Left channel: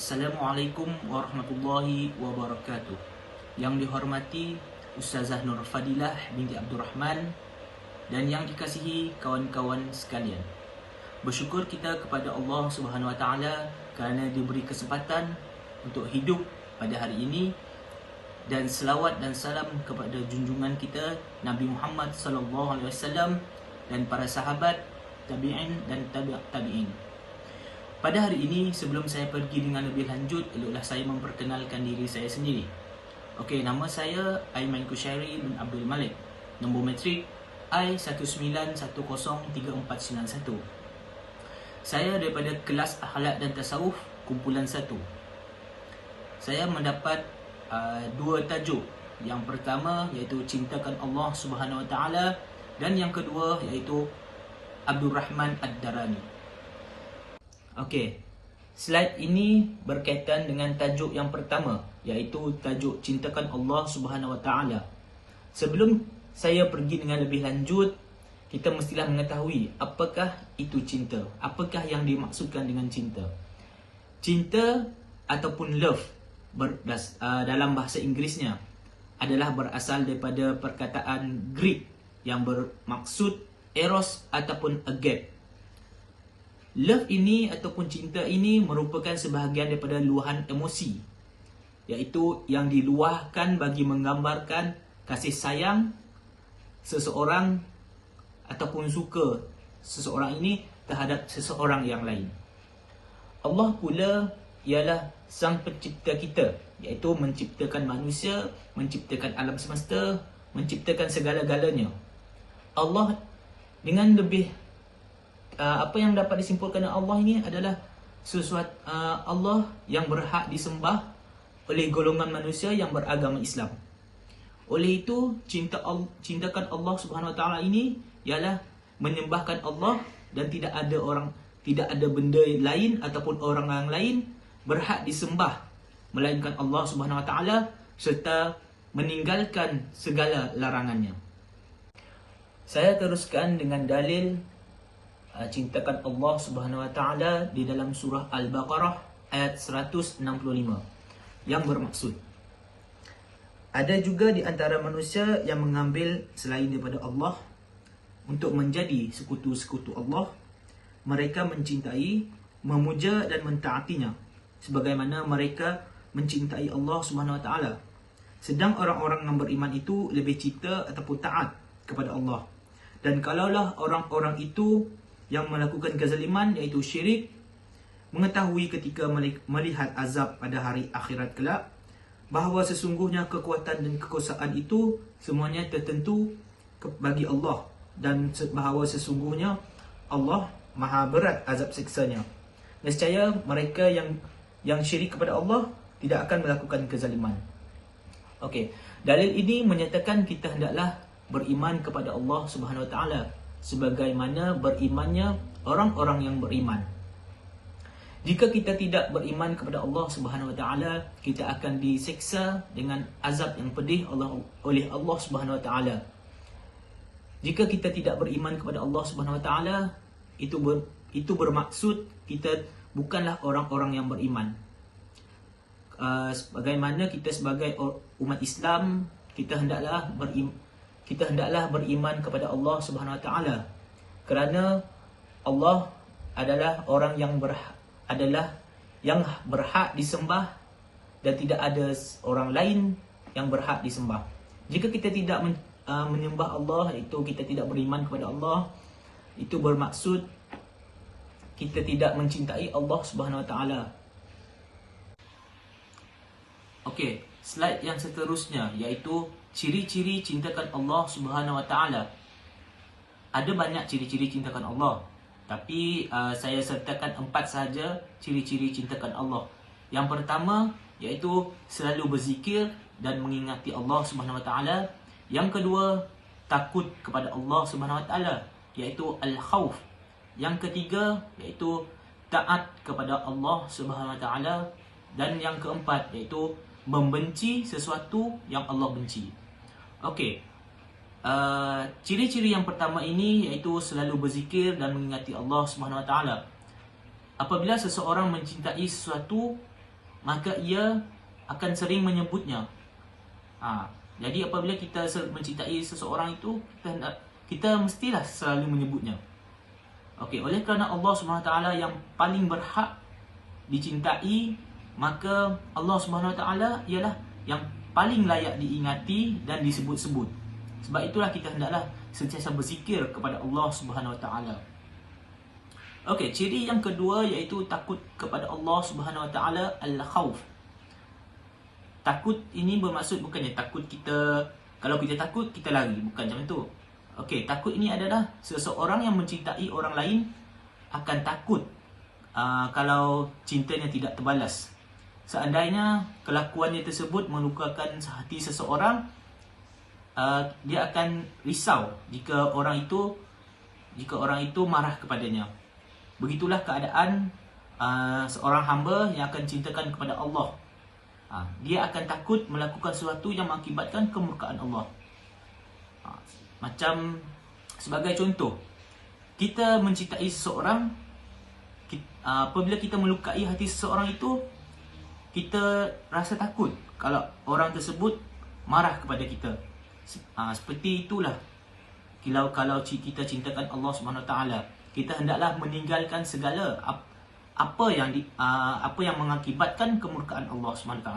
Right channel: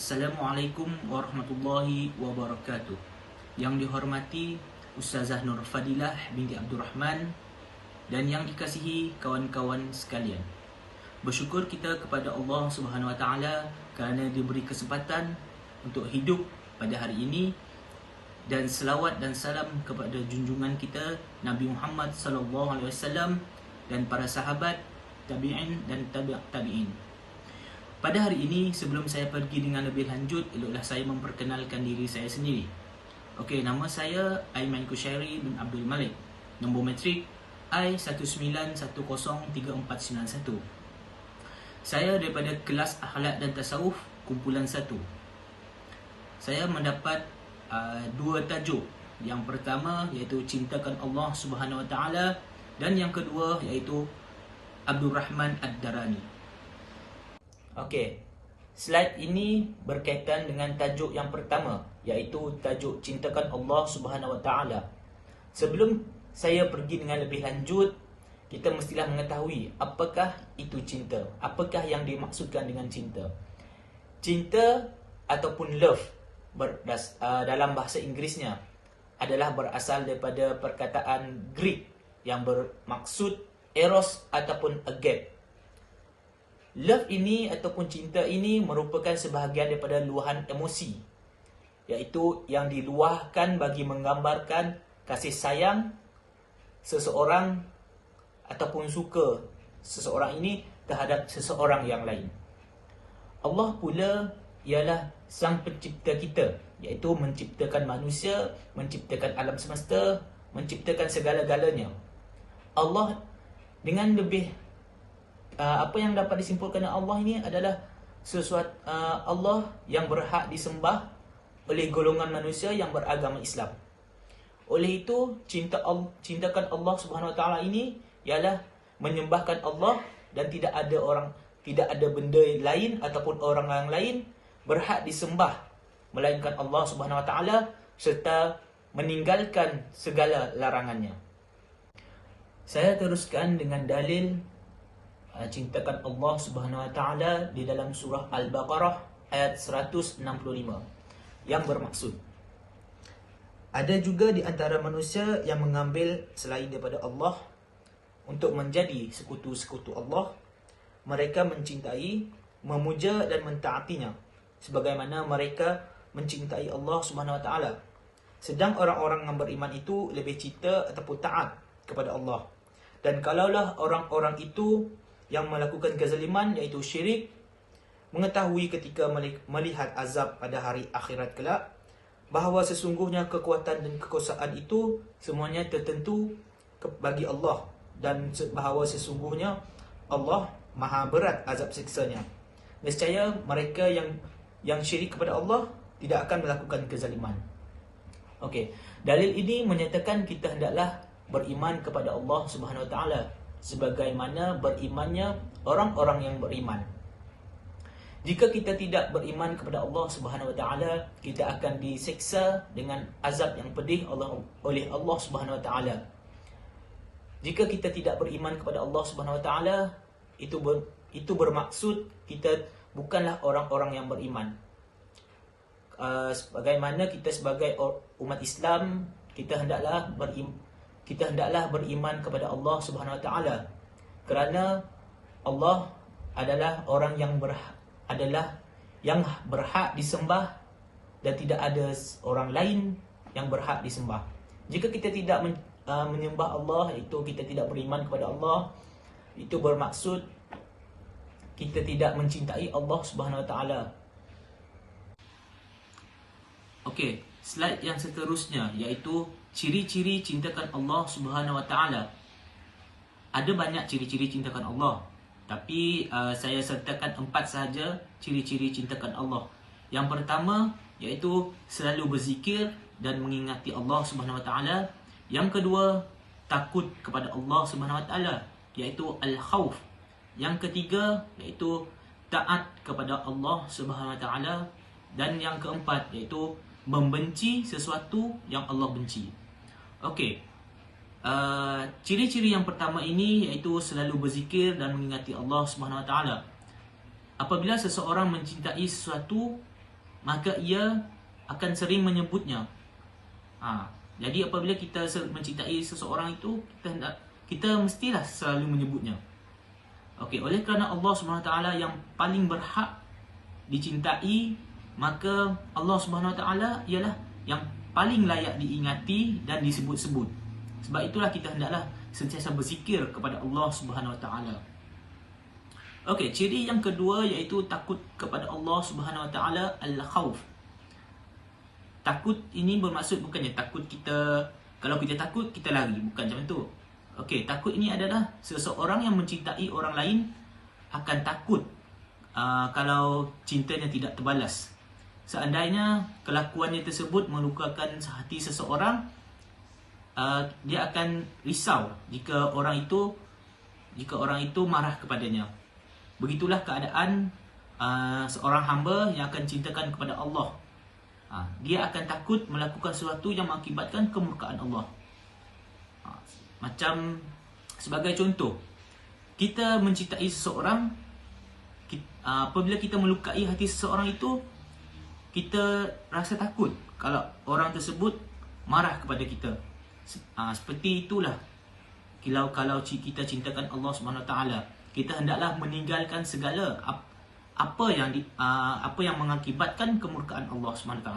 Assalamualaikum warahmatullahi wabarakatuh. Yang dihormati Ustazah Nur Fadilah binti Abdul Rahman dan yang dikasihi kawan-kawan sekalian. Bersyukur kita kepada Allah Subhanahu Wa Taala kerana diberi kesempatan untuk hidup pada hari ini, dan selawat dan salam kepada junjungan kita Nabi Muhammad sallallahu alaihi wasallam dan para sahabat, tabi'in dan tabi'in. Pada hari ini, sebelum saya pergi dengan lebih lanjut, eloklah saya memperkenalkan diri saya sendiri. Okey, nama saya Aiman Kushairi bin Abdul Malik. Nombor matrik I19103491. Saya daripada kelas Akhlak dan Tasawuf kumpulan 1. Saya mendapat dua tajuk. Yang pertama iaitu Cintakan Allah Subhanahu Wa Taala, dan yang kedua iaitu Abdul Rahman Ad-Darani. Okey, slide ini berkaitan dengan tajuk yang pertama, iaitu tajuk Cintakan Allah Subhanahu Wa Taala. Sebelum saya pergi dengan lebih lanjut, kita mestilah mengetahui apakah itu cinta. Apakah yang dimaksudkan dengan cinta? Cinta ataupun love dalam bahasa Inggerisnya adalah berasal daripada perkataan Greek yang bermaksud eros ataupun agate. Love ini ataupun cinta ini merupakan sebahagian daripada luahan emosi, iaitu yang diluahkan bagi menggambarkan kasih sayang seseorang ataupun suka seseorang ini terhadap seseorang yang lain. Allah pula ialah sang pencipta kita, iaitu menciptakan manusia, menciptakan alam semesta, menciptakan segala-galanya. Allah dengan lebih apa yang dapat disimpulkan dengan Allah ini adalah sesuatu Allah yang berhak disembah oleh golongan manusia yang beragama Islam. Oleh itu, cintakan Allah Subhanahu Wa Taala ini ialah menyembahkan Allah, dan tidak ada benda lain ataupun orang yang lain berhak disembah melainkan Allah Subhanahu Wa Taala, serta meninggalkan segala larangannya. Saya teruskan dengan dalil cintakan Allah Subhanahu Wa Taala di dalam surah Al-Baqarah ayat 165 yang bermaksud, ada juga di antara manusia yang mengambil selain daripada Allah untuk menjadi sekutu-sekutu Allah. Mereka mencintai, memuja dan mentaatinya sebagaimana mereka mencintai Allah Subhanahu Wa Taala. Sedang orang-orang yang beriman itu lebih cinta ataupun taat kepada Allah. Dan kalaulah orang-orang itu yang melakukan kezaliman, iaitu syirik, mengetahui ketika melihat azab pada hari akhirat kelak, bahawa sesungguhnya kekuatan dan kekuasaan itu semuanya tertentu bagi Allah, dan bahawa sesungguhnya Allah maha berat azab siksanya, nescaya mereka yang syirik kepada Allah tidak akan melakukan kezaliman. Okey, dalil ini menyatakan kita hendaklah beriman kepada Allah Subhanahu Wa Taala sebagaimana berimannya orang-orang yang beriman. Jika kita tidak beriman kepada Allah Subhanahu Wa Taala, kita akan diseksa dengan azab yang pedih oleh Allah Subhanahu Wa Taala. Jika kita tidak beriman kepada Allah Subhanahu Wa Taala, itu bermaksud kita bukanlah orang-orang yang beriman. Sebagaimana kita sebagai umat Islam, kita hendaklah beriman kepada Allah Subhanahu Wa Taala, kerana Allah adalah orang yang berhak disembah, dan tidak ada orang lain yang berhak disembah. Jika kita tidak menyembah Allah, itu kita tidak beriman kepada Allah, itu bermaksud kita tidak mencintai Allah Subhanahu Wa Taala. Okey, slide yang seterusnya iaitu ciri-ciri cintakan Allah Subhanahu Wa Taala. Ada banyak ciri-ciri cintakan Allah, tapi saya sertakan 4 sahaja ciri-ciri cintakan Allah. Yang pertama iaitu selalu berzikir dan mengingati Allah Subhanahu Wa Taala. Yang kedua, takut kepada Allah Subhanahu Wa Taala, iaitu al-khauf. Yang ketiga iaitu taat kepada Allah Subhanahu Wa Taala, dan yang keempat iaitu membenci sesuatu yang Allah benci. Okey, ciri-ciri yang pertama ini iaitu selalu berzikir dan mengingati Allah Subhanahu Wa Taala. Apabila seseorang mencintai sesuatu, maka ia akan sering menyebutnya. Jadi apabila kita mencintai seseorang itu, kita mestilah selalu menyebutnya. Okey, oleh kerana Allah SWT yang paling berhak dicintai, maka Allah SWT ialah yang paling layak diingati dan disebut-sebut. Sebab itulah kita hendaklah sentiasa berzikir kepada Allah SWT. Okey, ciri yang kedua iaitu takut kepada Allah SWT, al-khawf. Takut ini bermaksud bukannya takut kita, kalau kita takut kita lari, bukan macam tu. Okey, takut ini adalah seseorang yang mencintai orang lain akan takut kalau cintanya tidak terbalas. Seandainya kelakuannya tersebut melukakan hati seseorang, dia akan risau jika orang itu marah kepadanya. Begitulah keadaan seorang hamba yang akan cintakan kepada Allah. Dia akan takut melakukan sesuatu yang mengakibatkan kemurkaan Allah. Macam sebagai contoh, kita mencintai seseorang, apabila kita melukai hati seseorang itu, kita rasa takut kalau orang tersebut marah kepada kita. Seperti itulah kalau kita cintakan Allah SWT, kita hendaklah meninggalkan segala apa yang mengakibatkan kemurkaan Allah SWT.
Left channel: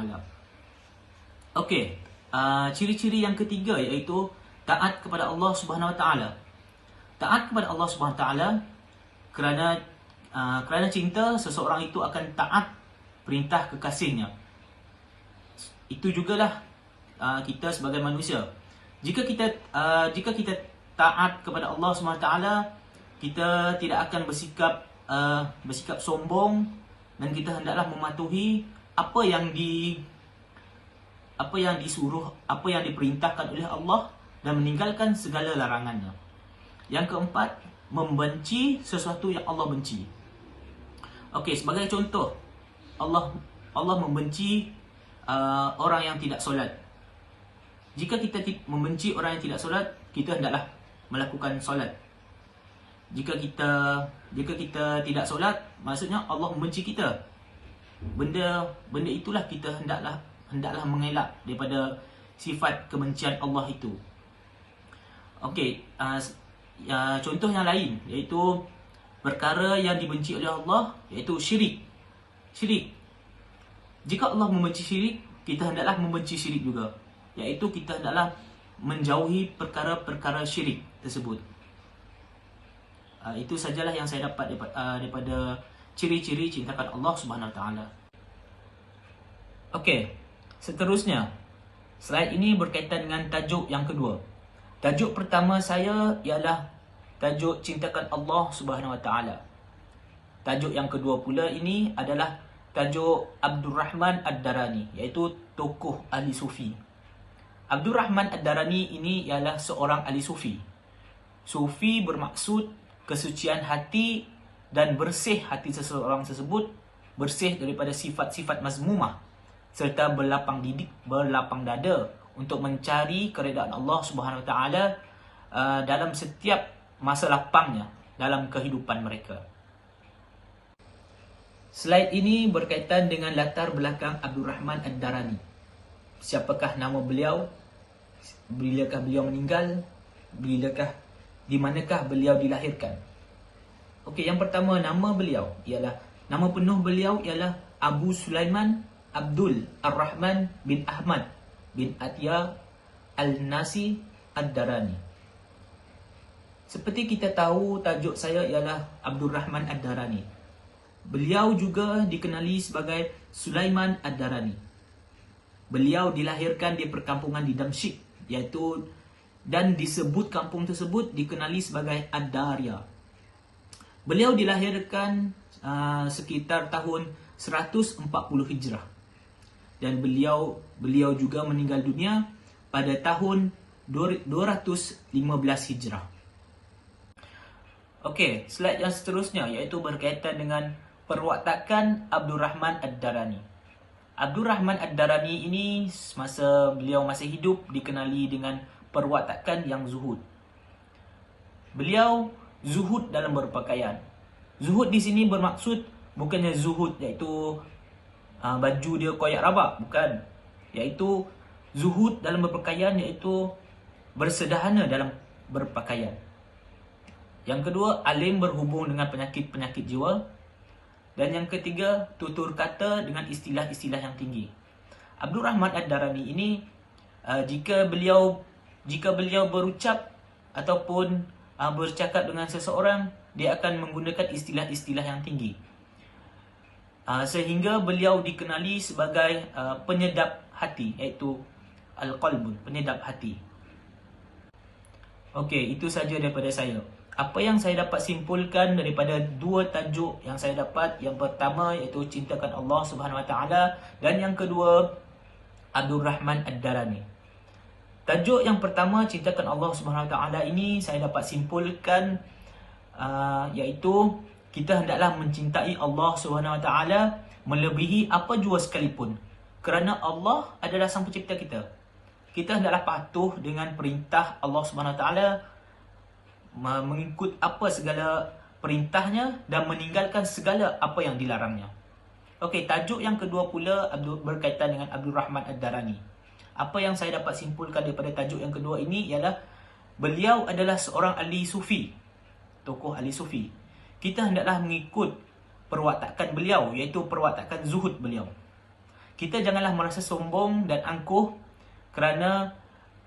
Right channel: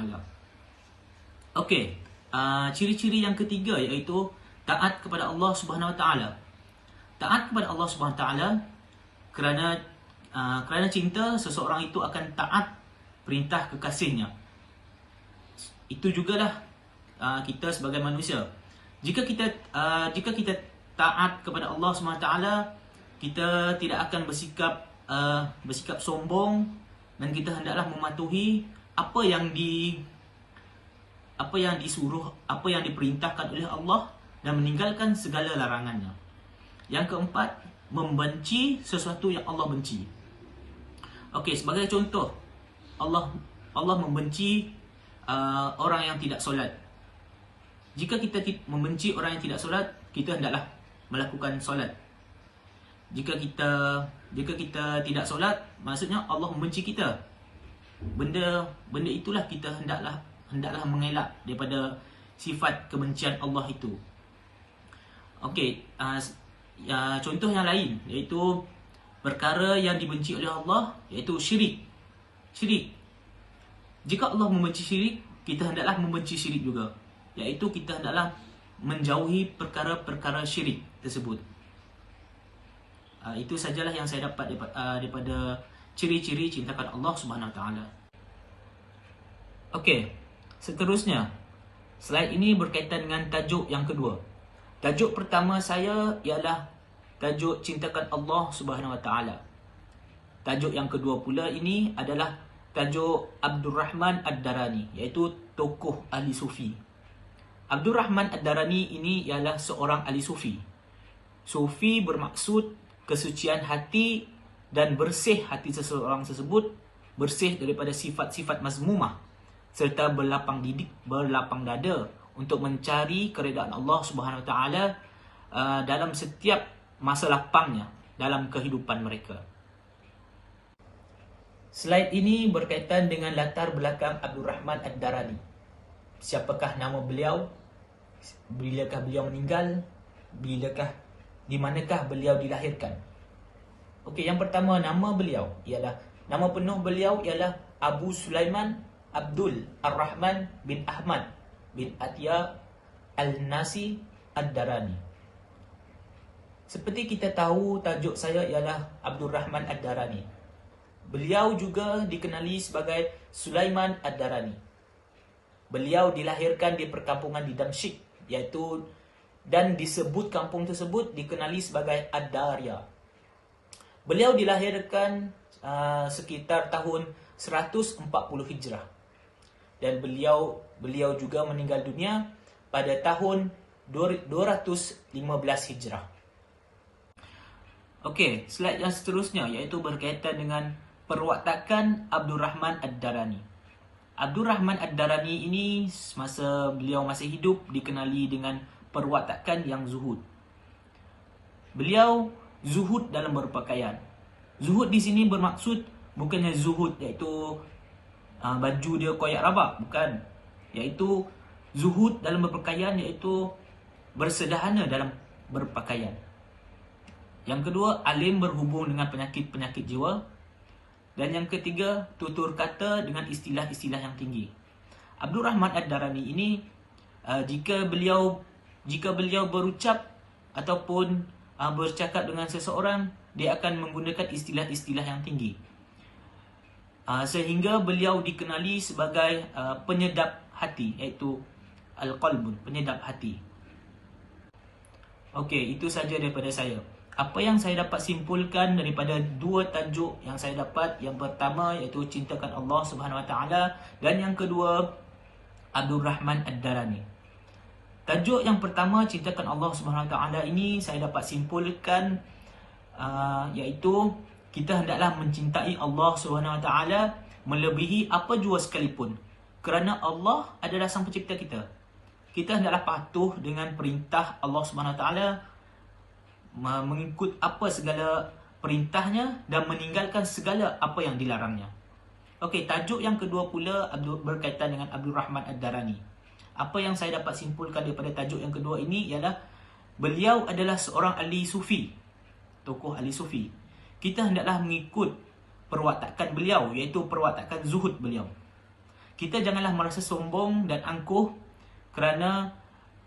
Okey, ciri-ciri yang ketiga iaitu taat kepada Allah SWT. Taat kepada Allah SWT kerana cinta, seseorang itu akan taat perintah kekasihnya. Itu jugalah kita sebagai manusia. Jika kita taat kepada Allah SWT, kita tidak akan bersikap sombong, dan kita hendaklah mematuhi apa yang disuruh, apa yang diperintahkan oleh Allah, dan meninggalkan segala larangannya. Yang keempat, membenci sesuatu yang Allah benci. Okey, sebagai contoh, Allah membenci orang yang tidak solat. Jika kita membenci orang yang tidak solat, kita hendaklah melakukan solat. Jika kita tidak solat, maksudnya Allah membenci kita. Benda itulah kita hendaklah mengelak daripada sifat kebencian Allah itu. Okey, contoh yang lain iaitu perkara yang dibenci oleh Allah, iaitu syirik. Jika Allah membenci syirik, kita hendaklah membenci syirik juga, iaitu kita hendaklah menjauhi perkara-perkara syirik tersebut. Itu sajalah yang saya dapat daripada ciri-ciri cintakan Allah SWT. Okey, seterusnya, slide ini berkaitan dengan tajuk yang kedua. Tajuk pertama saya ialah tajuk cintakan Allah SWT. Tajuk yang kedua pula ini adalah tajuk Abdul Rahman Ad-Darani, iaitu tokoh ahli sufi. Abdul Rahman Ad-Darani ini ialah seorang ahli sufi. Sufi bermaksud kesucian hati dan bersih hati seseorang tersebut, bersih daripada sifat-sifat mazmumah, serta berlapang dada untuk mencari keredaan Allah SWT dalam setiap masa lapangnya dalam kehidupan mereka. Slide ini berkaitan dengan latar belakang Abdul Rahman Ad-Darani. Siapakah nama beliau? Bilakah beliau meninggal? Di manakah beliau dilahirkan? Okey, yang pertama, nama penuh beliau ialah Abu Sulaiman Abdul Ar-Rahman bin Ahmad bin Atiyah Al-Nasi Ad-Darani. Seperti kita tahu, tajuk saya ialah Abdul Rahman Ad-Darani. Beliau juga dikenali sebagai Sulaiman Ad-Darani. Beliau dilahirkan di perkampungan di Damsyik, dan disebut kampung tersebut dikenali sebagai Ad-Darya. Beliau dilahirkan sekitar tahun 140 Hijrah. Dan beliau juga meninggal dunia pada tahun 215 Hijrah. Okey, slide yang seterusnya iaitu berkaitan dengan perwatakan Abdul Rahman Ad-Darani. Abdul Rahman Ad-Darani ini semasa beliau masih hidup dikenali dengan perwatakan yang zuhud. Beliau zuhud dalam berpakaian. Zuhud di sini bermaksud bukannya zuhud iaitu baju dia koyak rabak, bukan. Iaitu zuhud dalam berpakaian, iaitu bersederhana dalam berpakaian. Yang kedua, alim berhubung dengan penyakit-penyakit jiwa. Dan yang ketiga, tutur kata dengan istilah-istilah yang tinggi. Abdul Rahman Ad-Darani ini jika beliau berucap ataupun bercakap dengan seseorang, dia akan menggunakan istilah-istilah yang tinggi. Sehingga beliau dikenali sebagai penyedap hati, iaitu al-qalbun, penyedap hati. Okey, itu saja daripada saya. Apa yang saya dapat simpulkan daripada dua tajuk yang saya dapat, yang pertama iaitu cintakan Allah Subhanahu Wa Taala, dan yang kedua Abdul Rahman Ad-Darani. Tajuk yang pertama, cintakan Allah Subhanahu Wa Taala, ini saya dapat simpulkan iaitu kita hendaklah mencintai Allah Subhanahu Wa Taala melebihi apa jua sekalipun. Kerana Allah adalah sang pencipta kita. Kita hendaklah patuh dengan perintah Allah Subhanahu Wa Taala, mengikut apa segala perintahnya dan meninggalkan segala apa yang dilarangnya. Okey, tajuk yang kedua pula berkaitan dengan Abdul Rahman Ad-Darani. Apa yang saya dapat simpulkan daripada tajuk yang kedua ini ialah beliau adalah seorang ahli sufi, tokoh ahli sufi. Kita hendaklah mengikut perwatakan beliau, iaitu perwatakan zuhud beliau. Kita janganlah merasa sombong dan angkuh kerana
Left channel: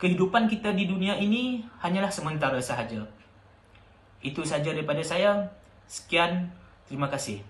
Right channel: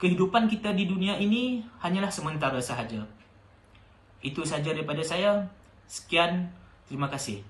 kehidupan kita di dunia ini hanyalah sementara sahaja. Itu sahaja daripada saya. Sekian, terima kasih.